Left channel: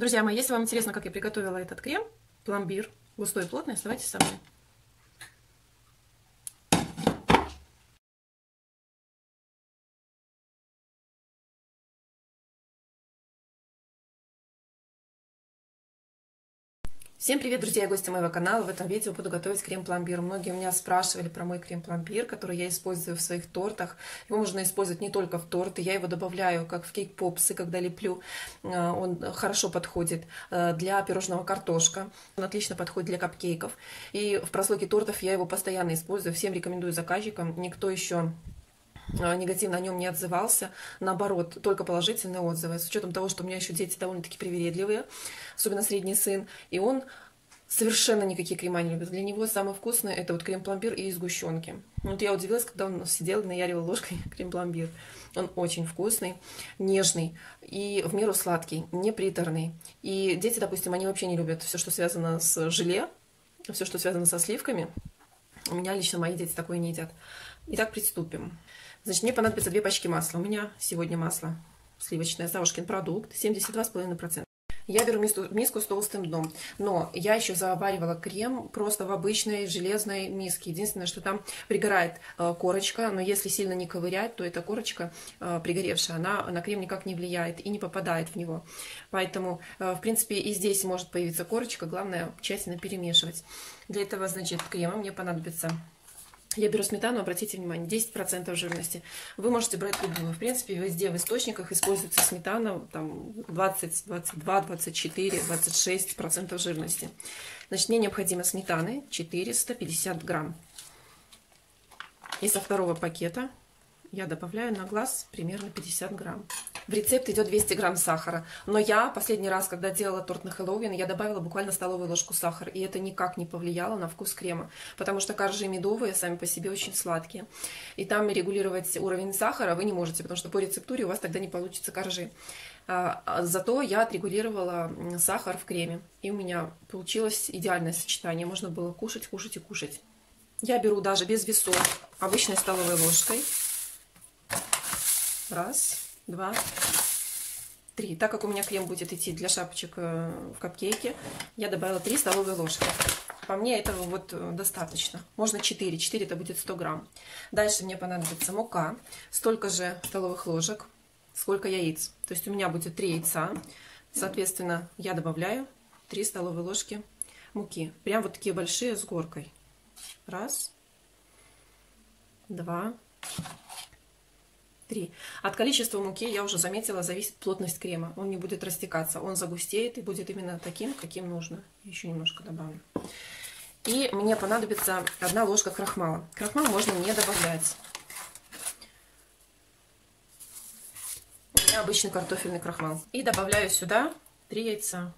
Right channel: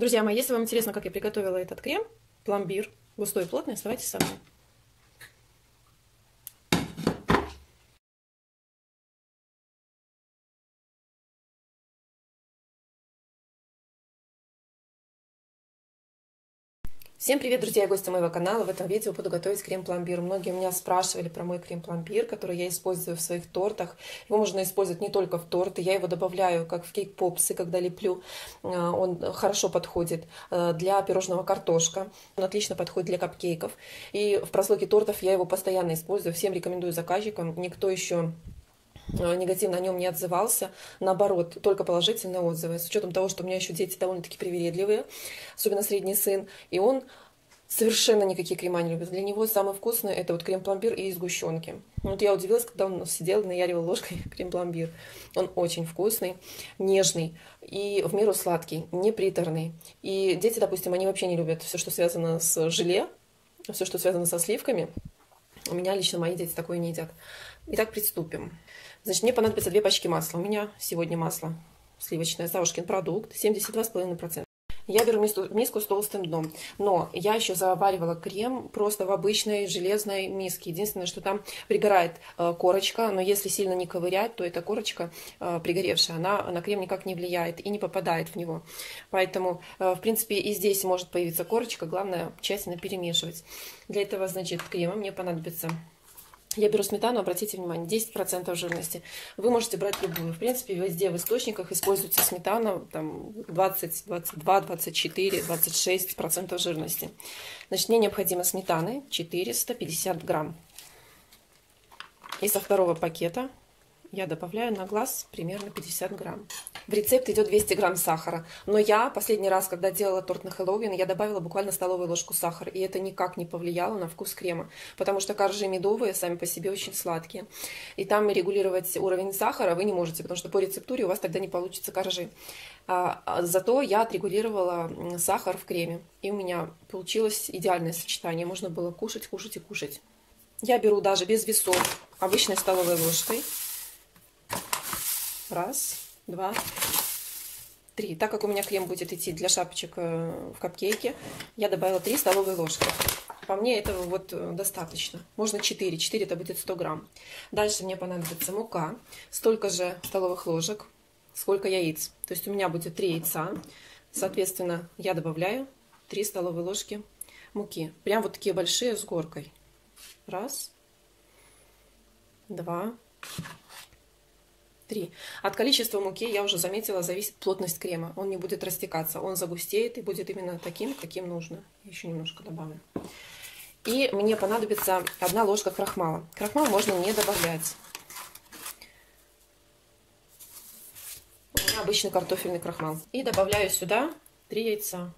Друзья мои, если вам интересно, как я приготовила этот крем, пломбир, густой и плотный, оставайтесь со мной. Всем привет, друзья и гости моего канала. В этом видео буду готовить крем-пломбир. Многие меня спрашивали про мой крем-пломбир, который я использую в своих тортах. Его можно использовать не только в торты, я его добавляю как в кейк-попсы, когда леплю. Он хорошо подходит для пирожного картошка, он отлично подходит для капкейков. И в прослойке тортов я его постоянно использую. Всем рекомендую заказчикам. Никто еще негативно о нем не отзывался, наоборот, только положительные отзывы, с учетом того, что у меня еще дети довольно-таки привередливые, особенно средний сын, и он совершенно никакие крема не любит. Для него самый вкусный это вот крем-пломбир и сгущенки. Вот я удивилась, когда он сидел и наяривал ложкой крем-пломбир. Он очень вкусный, нежный и в меру сладкий, не приторный. И дети, допустим, они вообще не любят все, что связано с желе, все, что связано со сливками. У меня лично мои дети такое не едят. Итак, приступим. Значит, мне понадобится 2 пачки масла. У меня сегодня масло сливочное, Савушкин продукт, 72,5%. Я беру миску с толстым дном, но я еще заваривала крем просто в обычной железной миске. Единственное, что там пригорает корочка, но если сильно не ковырять, то эта корочка пригоревшая, она на крем никак не влияет и не попадает в него. Поэтому, в принципе, и здесь может появиться корочка, главное тщательно перемешивать. Для этого, значит, крема мне понадобится... Я беру сметану, обратите внимание, 10% жирности. Вы можете брать любую. В принципе, везде в источниках используется сметана там 20, 22, 24, 26% жирности. Значит, мне необходимо сметаны 450 грамм. И со второго пакета я добавляю на глаз примерно 50 грамм. В рецепт идет 200 грамм сахара. Но я последний раз, когда делала торт на Хэллоуин, я добавила буквально столовую ложку сахара. И это никак не повлияло на вкус крема. Потому что коржи медовые сами по себе очень сладкие. И там регулировать уровень сахара вы не можете, потому что по рецептуре у вас тогда не получится коржи. Зато я отрегулировала сахар в креме. И у меня получилось идеальное сочетание. Можно было кушать, кушать и кушать. Я беру даже без весов обычной столовой ложкой. Раз, два, три. Так как у меня крем будет идти для шапочек в капкейке, я добавила 3 столовые ложки. По мне этого вот достаточно. Можно 4. 4 это будет 100 грамм. Дальше мне понадобится мука. Столько же столовых ложек, сколько яиц. То есть у меня будет 3 яйца. Соответственно, я добавляю 3 столовые ложки муки. Прям вот такие большие с горкой. Раз, два, 3. От количества муки, я уже заметила, зависит плотность крема. Он не будет растекаться, он загустеет и будет именно таким, каким нужно. Еще немножко добавлю. И мне понадобится 1 ложка крахмала. Крахмал можно не добавлять. У меня обычный картофельный крахмал. И добавляю сюда 3 яйца.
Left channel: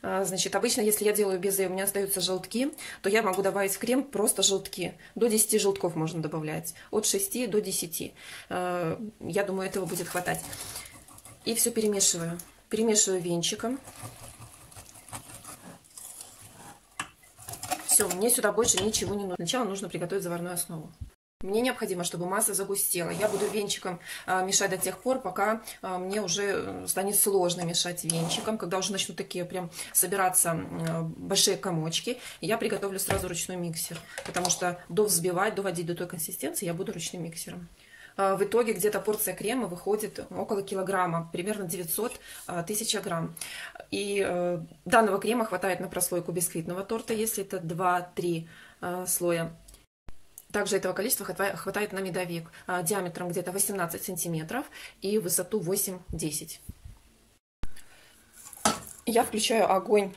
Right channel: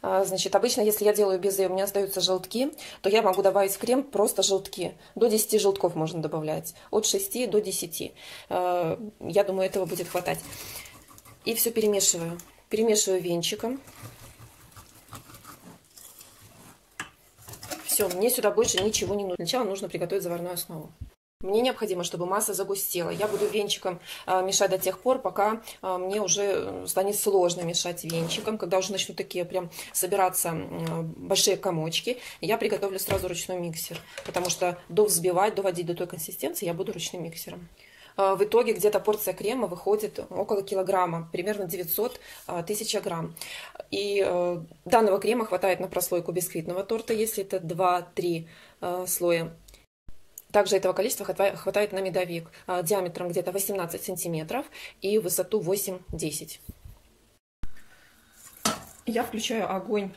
Значит, обычно, если я делаю безе, у меня остаются желтки, то я могу добавить в крем просто желтки. До 10 желтков можно добавлять. От 6 до 10. Я думаю, этого будет хватать. И все перемешиваю. Перемешиваю венчиком. Все, мне сюда больше ничего не нужно. Сначала нужно приготовить заварную основу. Мне необходимо, чтобы масса загустела. Я буду венчиком мешать до тех пор, пока мне уже станет сложно мешать венчиком. Когда уже начнут такие прям собираться большие комочки, я приготовлю сразу ручной миксер. Потому что довзбивать, доводить до той консистенции я буду ручным миксером. В итоге где-то порция крема выходит около килограмма, примерно 900-1000 грамм. И данного крема хватает на прослойку бисквитного торта, если это 2-3 слоя. Также этого количества хватает на медовик диаметром где-то 18 сантиметров и высоту 8-10. Я включаю огонь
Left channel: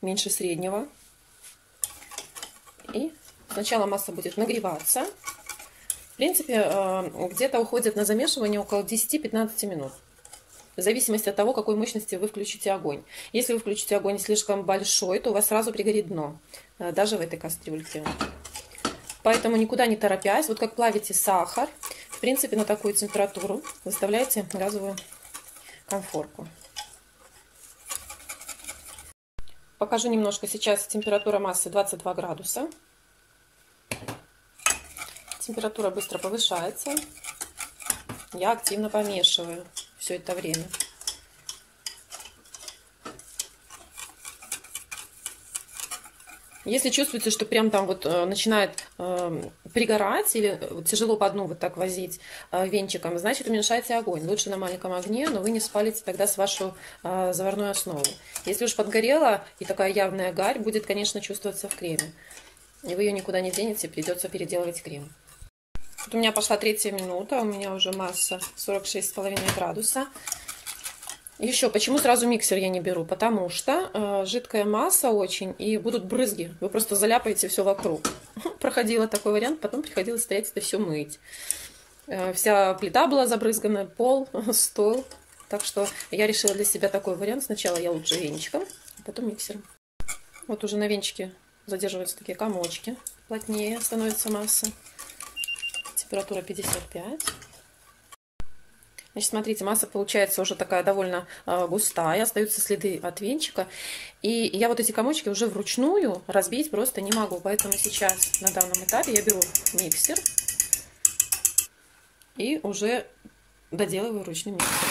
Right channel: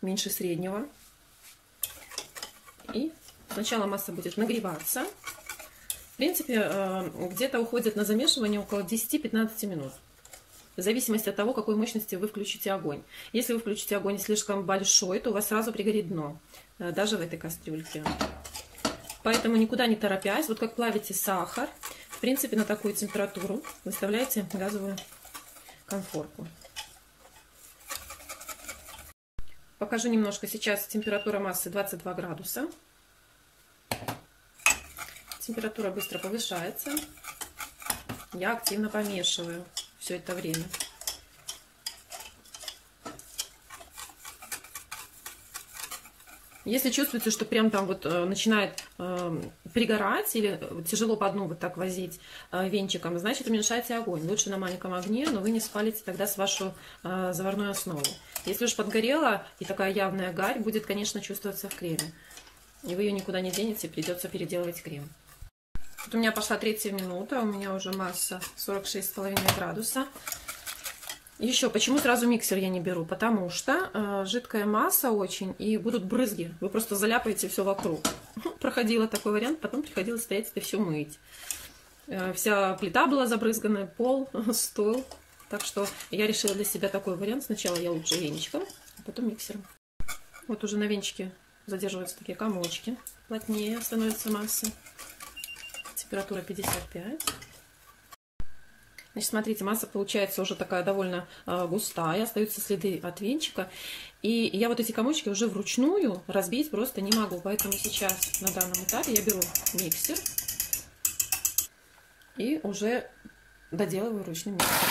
меньше среднего. И сначала масса будет нагреваться. В принципе, где-то уходит на замешивание около 10-15 минут. В зависимости от того, какой мощности вы включите огонь. Если вы включите огонь слишком большой, то у вас сразу пригорит дно. Даже в этой кастрюльке. Поэтому никуда не торопясь, вот как плавите сахар, в принципе, на такую температуру выставляйте газовую конфорку. Покажу немножко. Сейчас температура массы 22 градуса. Температура быстро повышается. я активно помешиваю все это время. Если чувствуете, что прям там вот начинает пригорать или тяжело по дну вот так возить венчиком, значит, уменьшайте огонь. Лучше на маленьком огне, но вы не спалите тогда с вашу заварную основу. Если уж подгорела и такая явная гарь, будет, конечно, чувствоваться в креме. И вы ее никуда не денете, придется переделывать крем. Вот у меня пошла 3-я минута, у меня уже масса 46,5 градуса. Еще, почему сразу миксер я не беру? Потому что жидкая масса очень, и будут брызги. Вы просто заляпаете все вокруг. Проходила такой вариант, потом приходилось стоять это все мыть. Вся плита была забрызгана, пол, стол. Так что я решила для себя такой вариант. Сначала я лучше венчиком, а потом миксером. Вот уже на венчике задерживаются такие комочки. Плотнее становится масса. Температура 55. Значит, смотрите, масса получается уже такая довольно густая, остаются следы от венчика. И я вот эти комочки уже вручную разбить просто не могу. Поэтому сейчас на данном этапе я беру миксер и уже доделываю ручным миксером.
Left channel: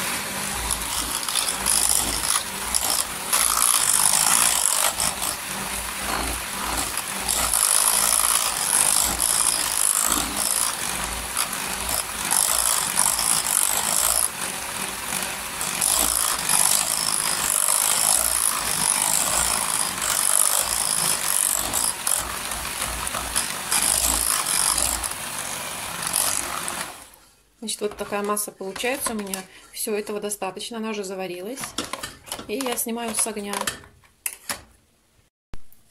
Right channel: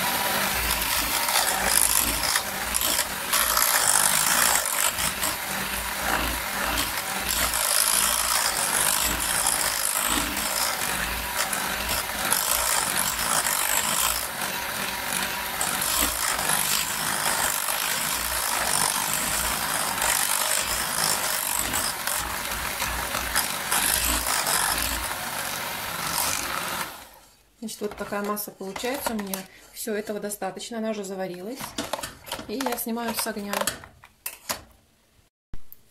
Значит, вот такая масса получается у меня. Все, этого достаточно. Она уже заварилась. И я снимаю с огня.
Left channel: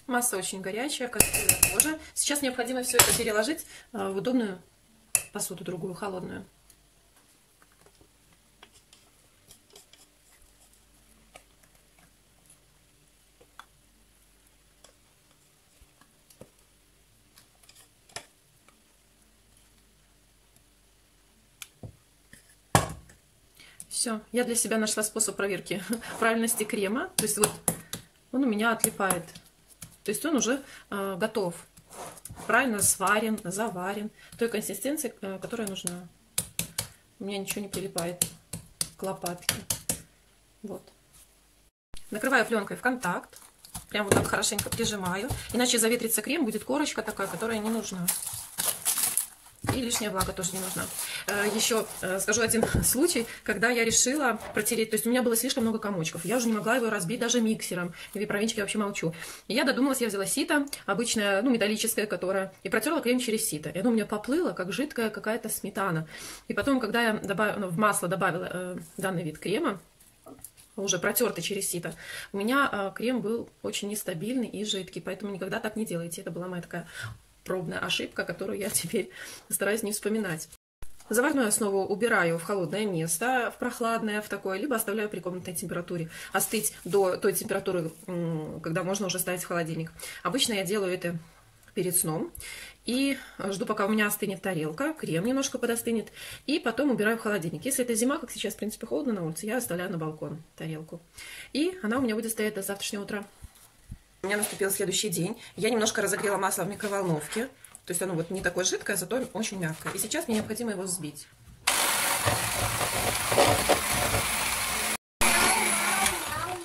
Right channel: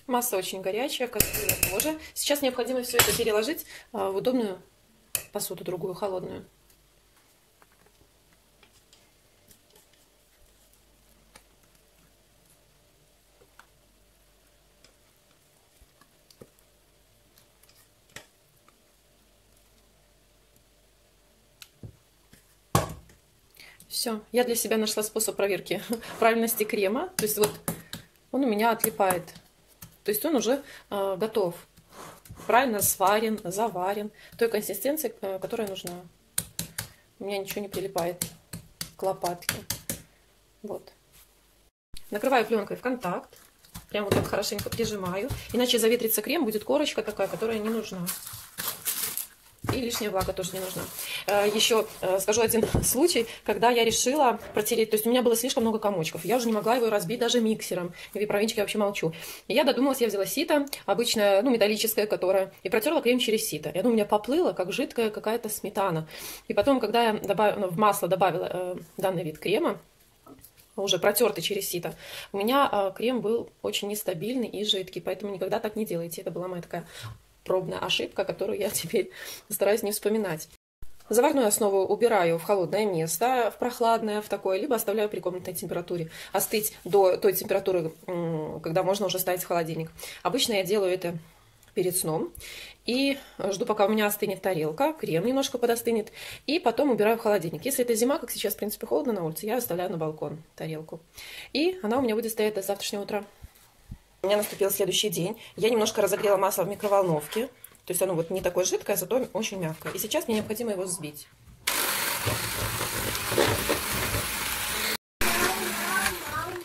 Масса очень горячая, кастрюля тоже. Сейчас необходимо все это переложить в удобную посуду, другую, холодную. Все, я для себя нашла способ проверки правильности крема. То есть вот он у меня отлипает. То есть он уже готов. Правильно сварен, заварен. Той консистенции, которая нужна. У меня ничего не прилипает к лопатке. Вот. Накрываю пленкой в контакт. Прям вот так хорошенько прижимаю. Иначе заветрится крем, будет корочка такая, которая не нужна. И лишняя влага тоже не нужна. Еще скажу один случай, когда я решила протереть. То есть у меня было слишком много комочков. Я уже не могла его разбить даже миксером. И про венчик я вообще молчу. И я додумалась, я взяла сито, обычное, ну, металлическое, которое... И протерла крем через сито. И оно у меня поплыло, как жидкая какая-то сметана. И потом, когда я в масло добавила данный вид крема, уже протертый через сито, у меня крем был очень нестабильный и жидкий. Поэтому никогда так не делайте. Это была моя такая пробная ошибка, которую я теперь стараюсь не вспоминать. Заварную основу убираю в холодное место, в прохладное, в такое, либо оставляю при комнатной температуре остыть до той температуры, когда можно уже ставить в холодильник. Обычно я делаю это перед сном и жду, пока у меня остынет тарелка, крем немножко подостынет, и потом убираю в холодильник. Если это зима, как сейчас, в принципе, холодно на улице, я оставляю на балкон тарелку. И она у меня будет стоять до завтрашнего утра. У меня наступил следующий день. Я немножко разогрела масло в микроволновке. То есть оно вот не такое жидкое, зато очень мягкое. И сейчас мне необходимо его взбить.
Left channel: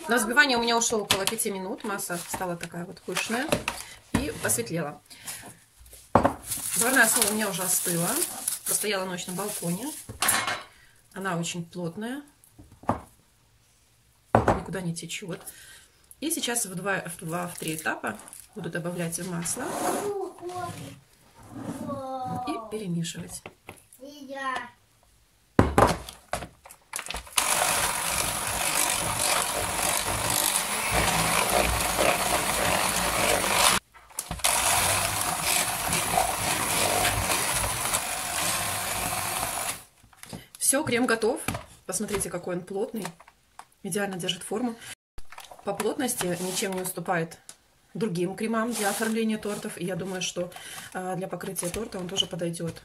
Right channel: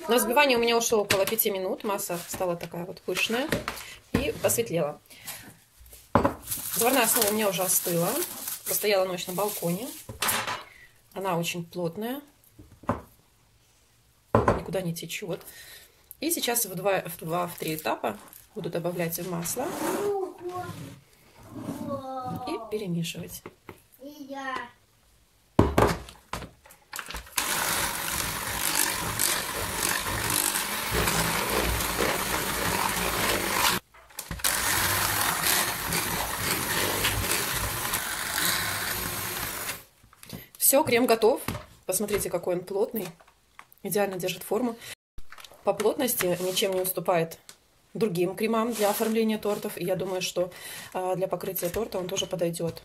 На взбивание у меня ушло около 5 минут. Масса стала такая вот пышная и посветлела. Заварная основа у меня уже остыла. Постояла ночь на балконе. Она очень плотная. Никуда не течет. И сейчас в 2-3 этапа буду добавлять в масло и перемешивать. Все, крем готов. Посмотрите, какой он плотный. Идеально держит форму. По плотности ничем не уступает другим кремам для оформления тортов. И я думаю, что для покрытия торта он тоже подойдет.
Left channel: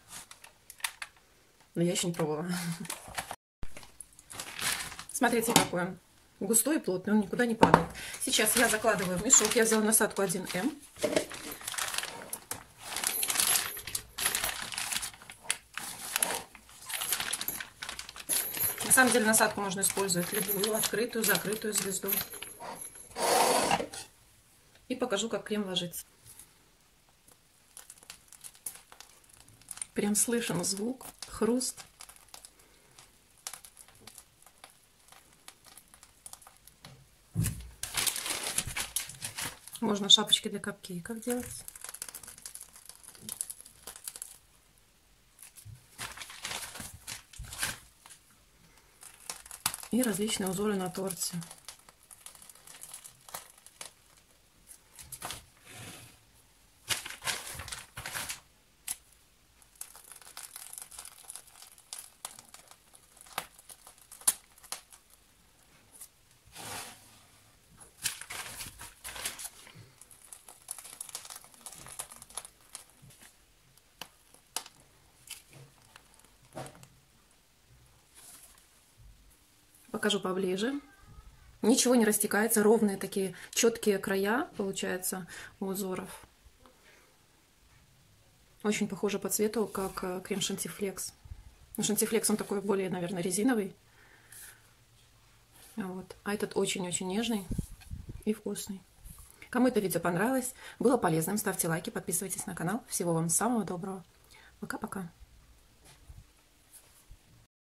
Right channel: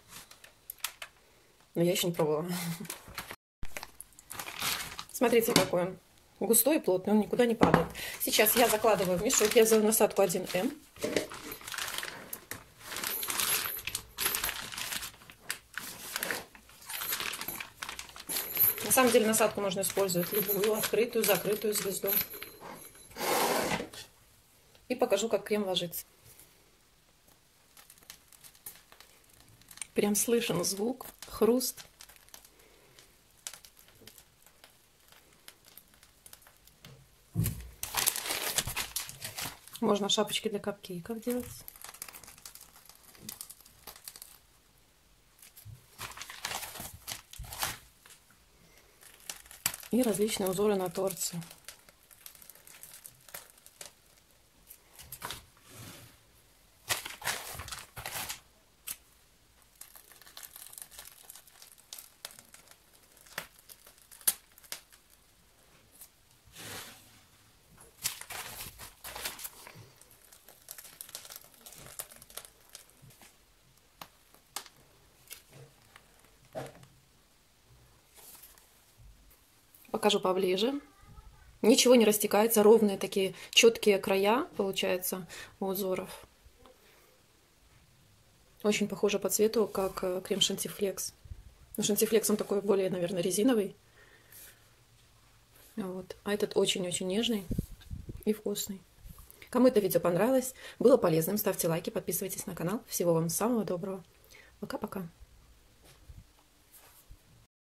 Но я еще не пробовала. Смотрите, какой он густой и плотный. Он никуда не падает. Сейчас я закладываю в мешок. Я взяла насадку 1М. На самом деле насадку можно использовать любую, открытую, закрытую звезду. И покажу, как крем ложится. Прям слышен звук, хруст. Можно шапочки для капкейков делать. И различные узоры на торте. Покажу поближе. Ничего не растекается, ровные такие четкие края получается у узоров. Очень похоже по цвету, как крем Шантифлекс. Ну, Шантифлекс он такой более, наверное, резиновый. Вот. А этот очень-очень нежный и вкусный. Кому это видео понравилось, было полезным, ставьте лайки, подписывайтесь на канал. Всего вам самого доброго. Пока-пока.